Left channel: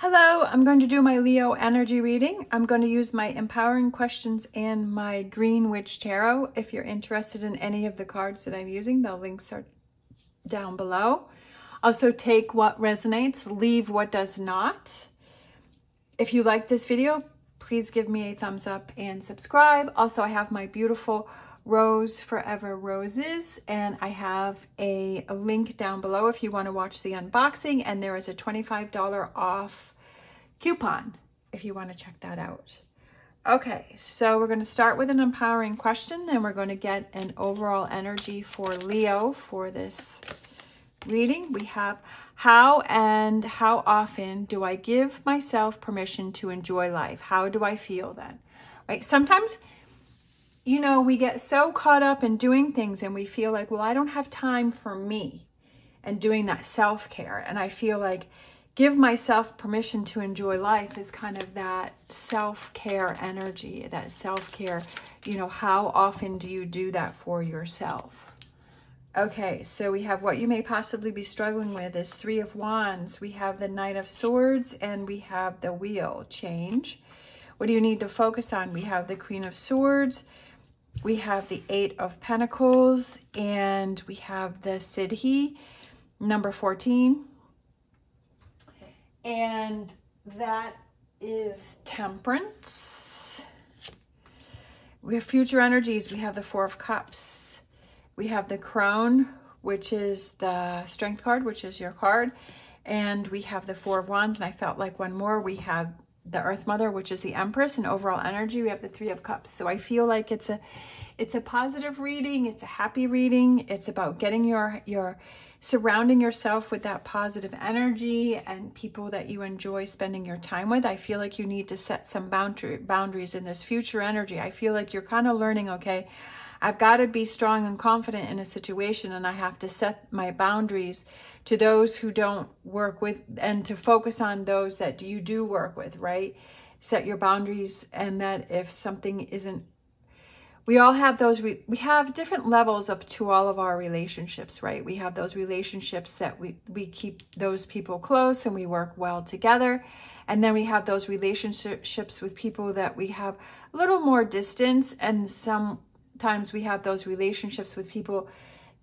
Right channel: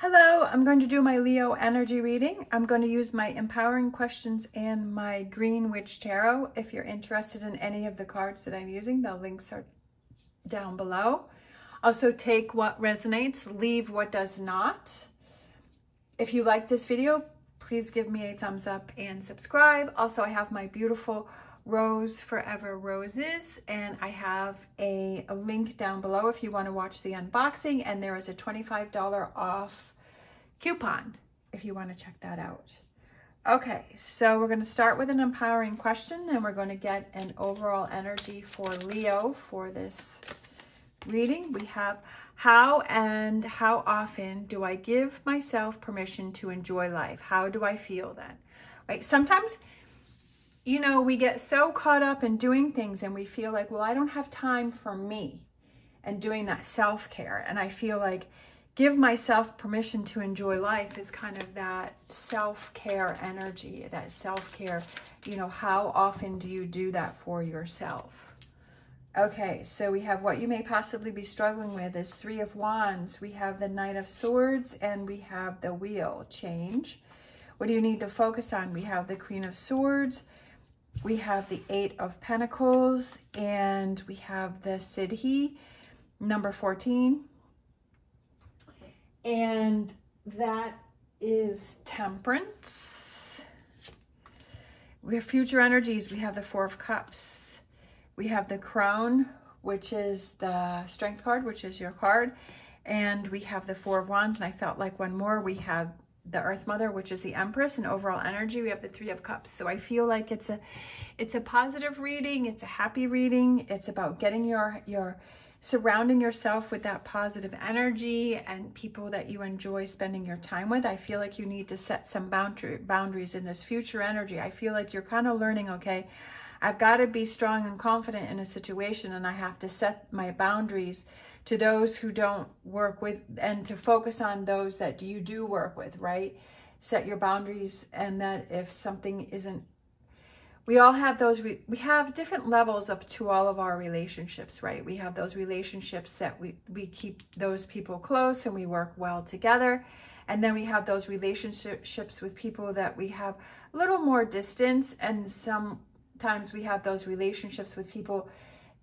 Hello, I'm going to do my Leo energy reading. I'm going to use my empowering questions and my Green Witch Tarot. If you're interested in any of the cards that I'm using, the links are down below. Also, take what resonates, leave what does not. If you like this video, please give me a thumbs up and subscribe. Also, I have my beautiful Rose Forever Roses, and I have a link down below if you want to watch the unboxing, and there is a $25 off coupon if you want to check that out. Okay, so we're going to start with an empowering question, and we're going to get an overall energy for Leo for this reading. We have, how and how often do I give myself permission to enjoy life? How do I feel then? Right? Sometimes, you know, we get so caught up in doing things and we feel like, well, I don't have time for me and doing that self-care. And I feel like give myself permission to enjoy life is kind of that self-care energy, that self-care, you know, how often do you do that for yourself? Okay, so we have what you may possibly be struggling with is Three of Wands. We have the Knight of Swords and we have the Wheel change. What do you need to focus on? We have the Queen of Swords. We have the Eight of Pentacles, and we have the Siddhi, number 14. And that is Temperance. We have future energies. We have the Four of Cups. We have the Crone, which is the Strength card, which is your card. And we have the Four of Wands, and I felt like one more. We have the Earth Mother, which is the Empress, and overall energy, we have the Three of Cups. So I feel like it's a positive reading. It's a happy reading. It's about getting your surrounding yourself with that positive energy and people that you enjoy spending your time with. I feel like you need to set some boundaries in this future energy. I feel like you're kind of learning, okay, I've got to be strong and confident in a situation, and I have to set my boundaries to those who don't work with, and to focus on those that you do work with, right? Set your boundaries, and that if something isn't, we all have those, we have different levels to all of our relationships, right? We have those relationships that we keep those people close and we work well together. And then we have those relationships with people that we have a little more distance, and sometimes we have those relationships with people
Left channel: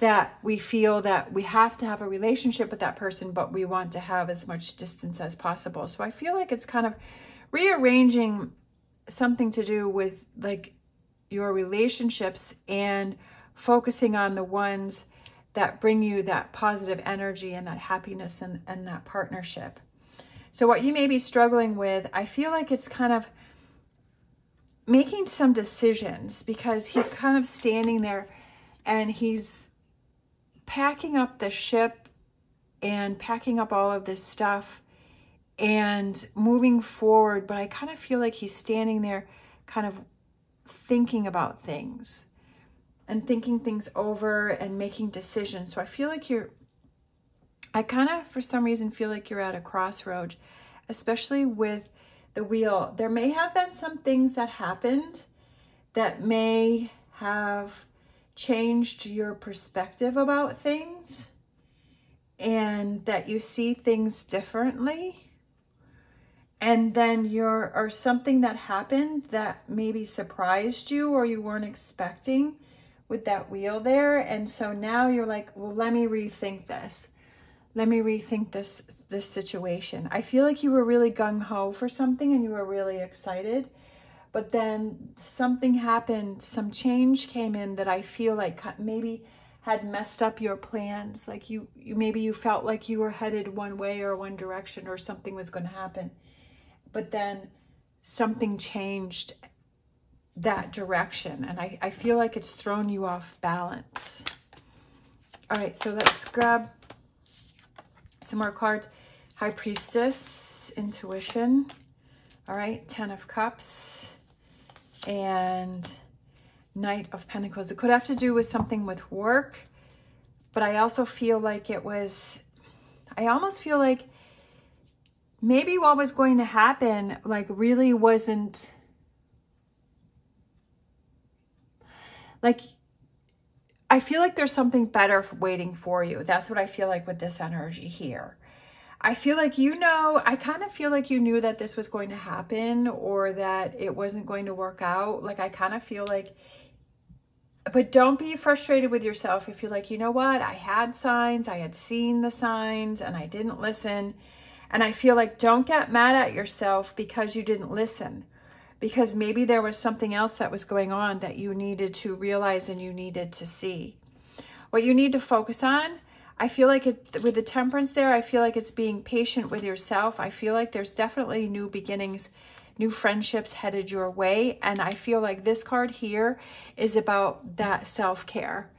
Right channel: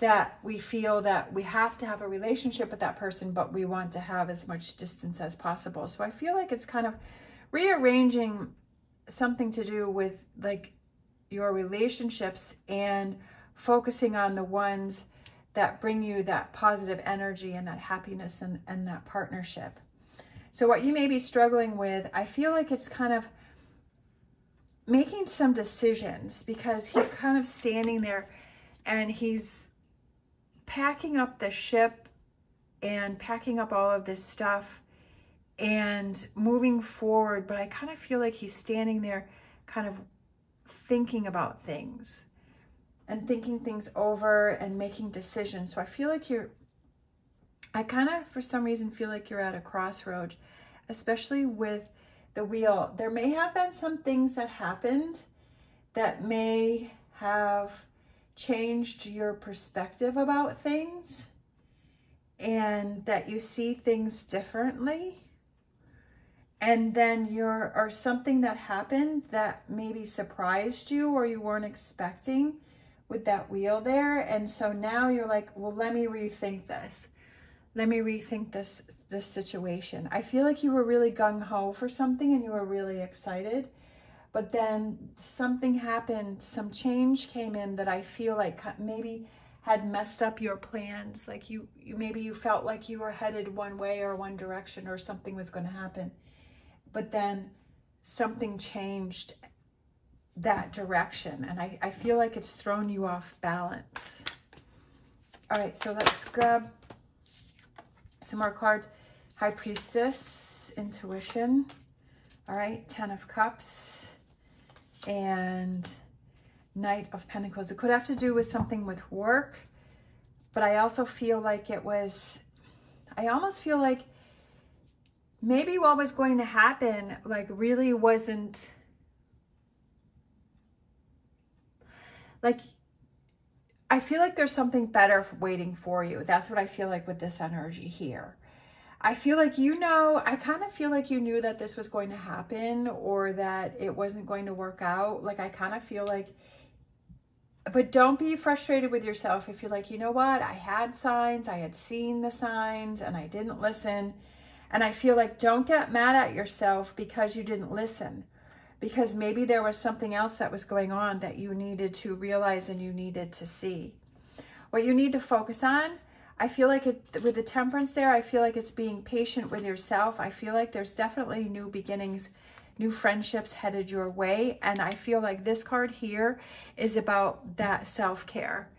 that we feel that we have to have a relationship with that person, but we want to have as much distance as possible. So I feel like it's kind of rearranging something to do with like your relationships and focusing on the ones that bring you that positive energy and that happiness and that partnership. So what you may be struggling with, I feel like it's kind of making some decisions, because he's kind of standing there and he's packing up the ship and packing up all of this stuff and moving forward. But I kind of feel like he's standing there kind of thinking about things and thinking things over and making decisions. So I feel like I kind of, for some reason, feel like you're at a crossroads, especially with the Wheel. There may have been some things that happened that may have changed your perspective about things, and that you see things differently. And then or something that happened that maybe surprised you or you weren't expecting with that Wheel there. And so now you're like, well, let me rethink this. Let me rethink this situation. I feel like you were really gung-ho for something and you were really excited, but then something happened, some change came in that I feel like maybe had messed up your plans. Like maybe you felt like you were headed one way or one direction, or something was going to happen, but then something changed that direction. And I feel like it's thrown you off balance. All right, so let's grab some more cards. High Priestess, Intuition. All right, Ten of Cups and Knight of Pentacles. It could have to do with something with work, but I also feel like I almost feel like maybe what was going to happen like really wasn't, like, I feel like there's something better waiting for you. That's what I feel like with this energy here. I feel like, you know, I kind of feel like you knew that this was going to happen or that it wasn't going to work out. Like, I kind of feel like, but don't be frustrated with yourself if you're like, you know what, I had signs, I had seen the signs and I didn't listen. And I feel like, don't get mad at yourself because you didn't listen, because maybe there was something else that was going on that you needed to realize and you needed to see. What you need to focus on, I feel like with the temperance there, I feel like it's being patient with yourself. I feel like there's definitely new beginnings, new friendships headed your way. And I feel like this card here is about that self-care.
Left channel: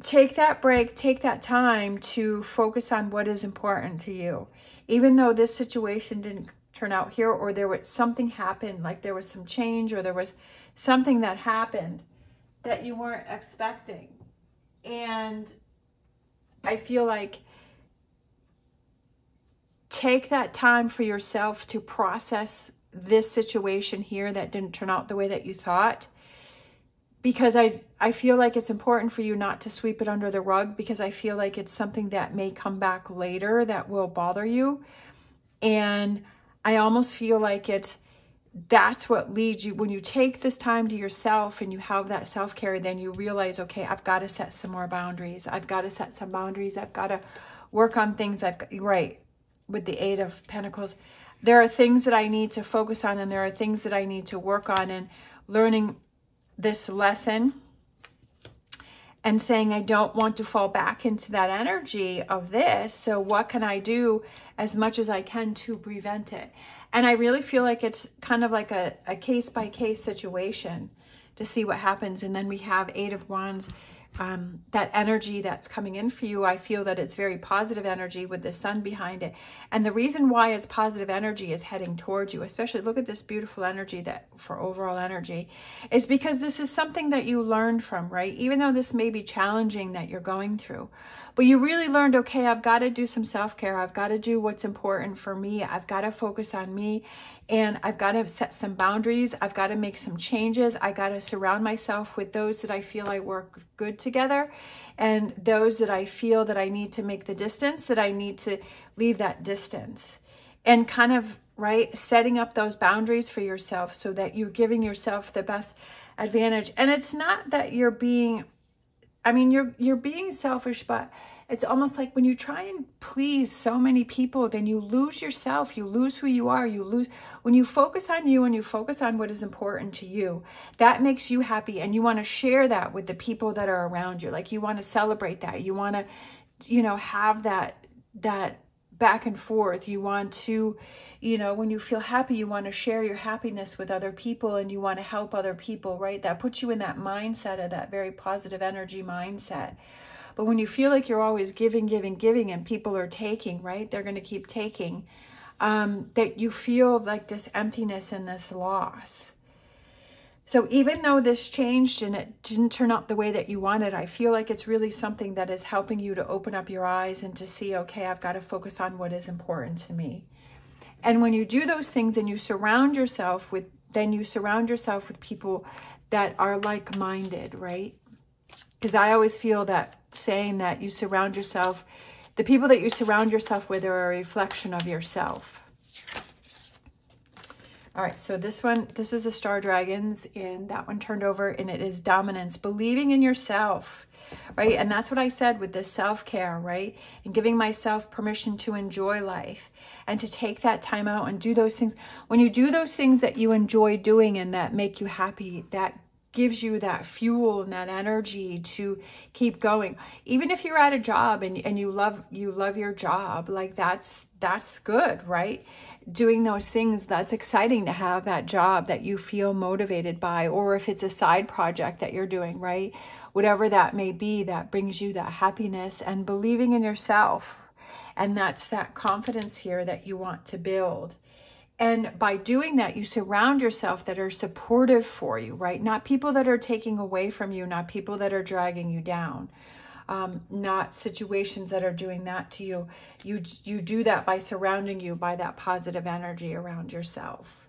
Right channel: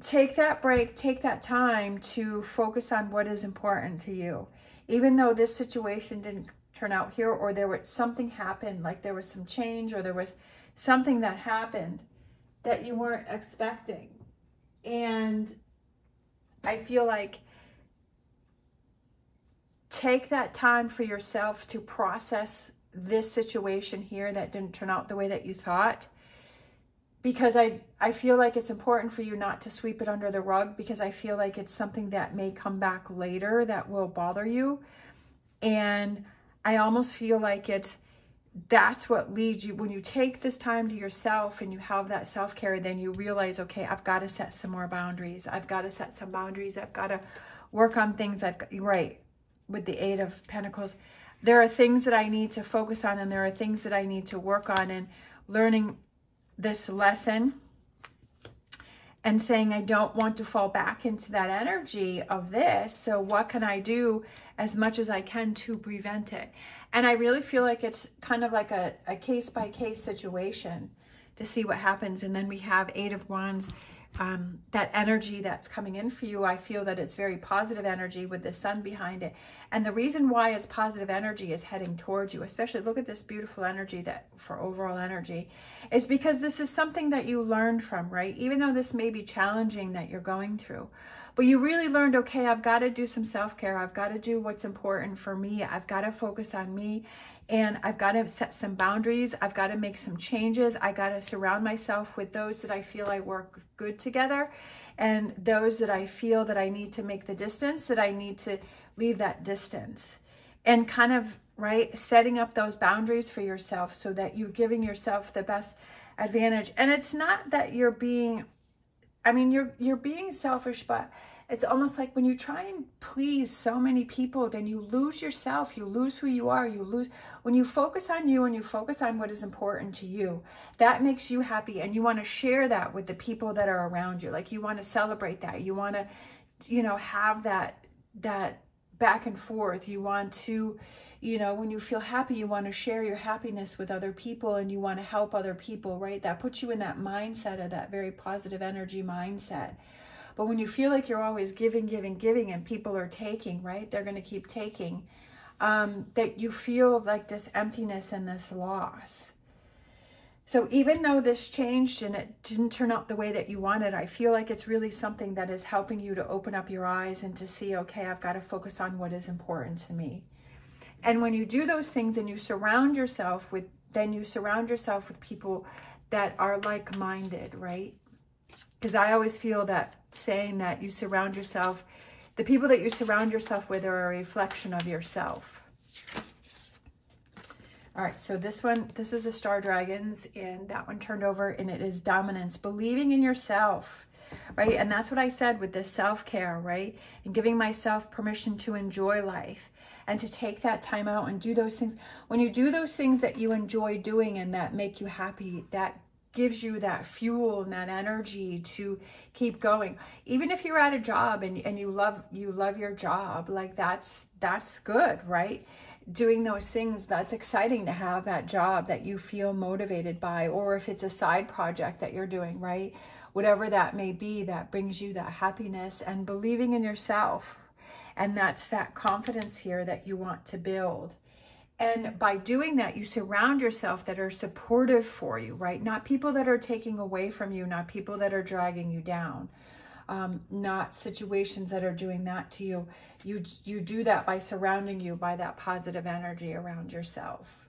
Take that break, take that time to focus on what is important to you. Even though this situation didn't turn out here, or there was something happened, like there was some change, or there was something that happened that you weren't expecting. And I feel like take that time for yourself to process this situation here that didn't turn out the way that you thought. Because I feel like it's important for you not to sweep it under the rug, because I feel like it's something that may come back later that will bother you. And I almost feel like that's what leads you. When you take this time to yourself and you have that self-care, then you realize, okay, I've got to set some more boundaries. I've got to set some boundaries. I've got to work on things. Right, with the Eight of Pentacles, there are things that I need to focus on, and there are things that I need to work on, and learning this lesson and saying, I don't want to fall back into that energy of this. So what can I do as much as I can to prevent it? And I really feel like it's kind of like a case-by-case situation to see what happens. And then we have Eight of Wands, that energy that's coming in for you. I feel that it's very positive energy with the sun behind it. And the reason why it's positive energy is heading towards you, especially look at this beautiful energy that for overall energy, is because this is something that you learned from, right? Even though this may be challenging that you're going through, but you really learned, okay, I've got to do some self-care. I've got to do what's important for me. I've got to focus on me, and I've got to set some boundaries. I've got to make some changes. I got to surround myself with those that I feel I work good together, and those that I feel that I need to make the distance, that I need to leave that distance. And kind of, right, setting up those boundaries for yourself so that you're giving yourself the best advantage. And it's not that you're being, I mean, you're being selfish, but it's almost like when you try and please so many people, then you lose yourself, you lose who you are, you lose, when you focus on you and you focus on what is important to you, that makes you happy, and you want to share that with the people that are around you. Like, you want to celebrate that, you want to, you know, have that back and forth. You want to, you know, when you feel happy, you want to share your happiness with other people, and you want to help other people, right? That puts you in that mindset of that very positive energy mindset. But when you feel like you're always giving, giving, giving, and people are taking, right? They're going to keep taking, that you feel like this emptiness and this loss. So even though this changed and it didn't turn out the way that you wanted, I feel like it's really something that is helping you to open up your eyes and to see, okay, I've got to focus on what is important to me. And when you do those things, and you surround yourself with, people that are like-minded, right? Because I always feel that saying that you surround yourself, the people that you surround yourself with are a reflection of yourself. All right, so this is the Star Dragons, and that one turned over, and it is dominance, believing in yourself, right? And that's what I said with this self-care, right? And giving myself permission to enjoy life and to take that time out and do those things. When you do those things that you enjoy doing and that make you happy, that gives you that fuel and that energy to keep going. Even if you're at a job and you love your job, like that's good, right? Doing those things, that's exciting to have that job that you feel motivated by, or if it's a side project that you're doing, right? Whatever that may be, that brings you that happiness and believing in yourself. And that's that confidence here that you want to build. And by doing that, you surround yourself that are supportive for you, right? Not people that are taking away from you, not people that are dragging you down, not situations that are doing that to you. You do that by surrounding you by that positive energy around yourself.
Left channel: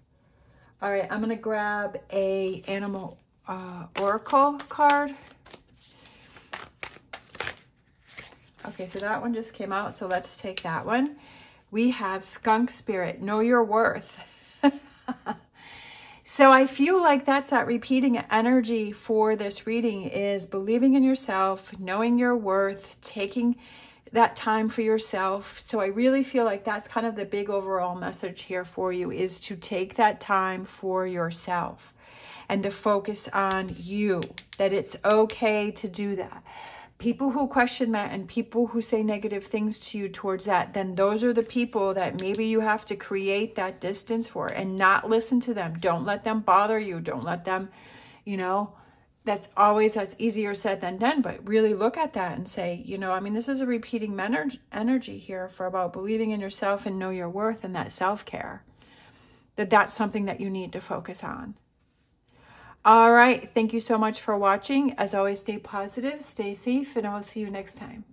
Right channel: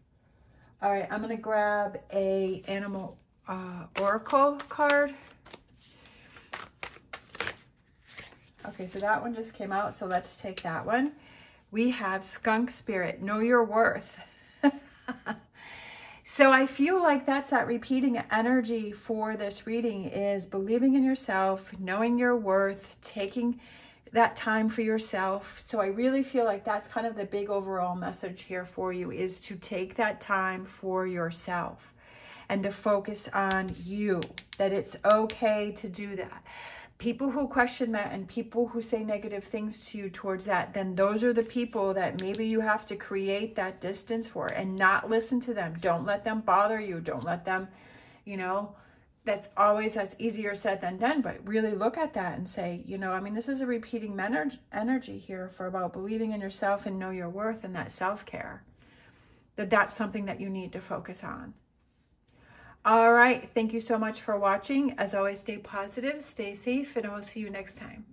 All right, I'm going to grab a animal oracle card. Okay, so that one just came out, so let's take that one. We have skunk spirit, know your worth. So I feel like that's that repeating energy for this reading is believing in yourself, knowing your worth, taking that time for yourself. So I really feel like that's kind of the big overall message here for you, is to take that time for yourself and to focus on you, that it's okay to do that. People who question that and people who say negative things to you towards that, then those are the people that maybe you have to create that distance for and not listen to them. Don't let them bother you. Don't let them, you know, that's easier said than done, but really look at that and say, you know, I mean, this is a repeating energy here for about believing in yourself and know your worth and that self-care, that's something that you need to focus on. All right. Thank you so much for watching. As always, stay positive, stay safe, and I will see you next time.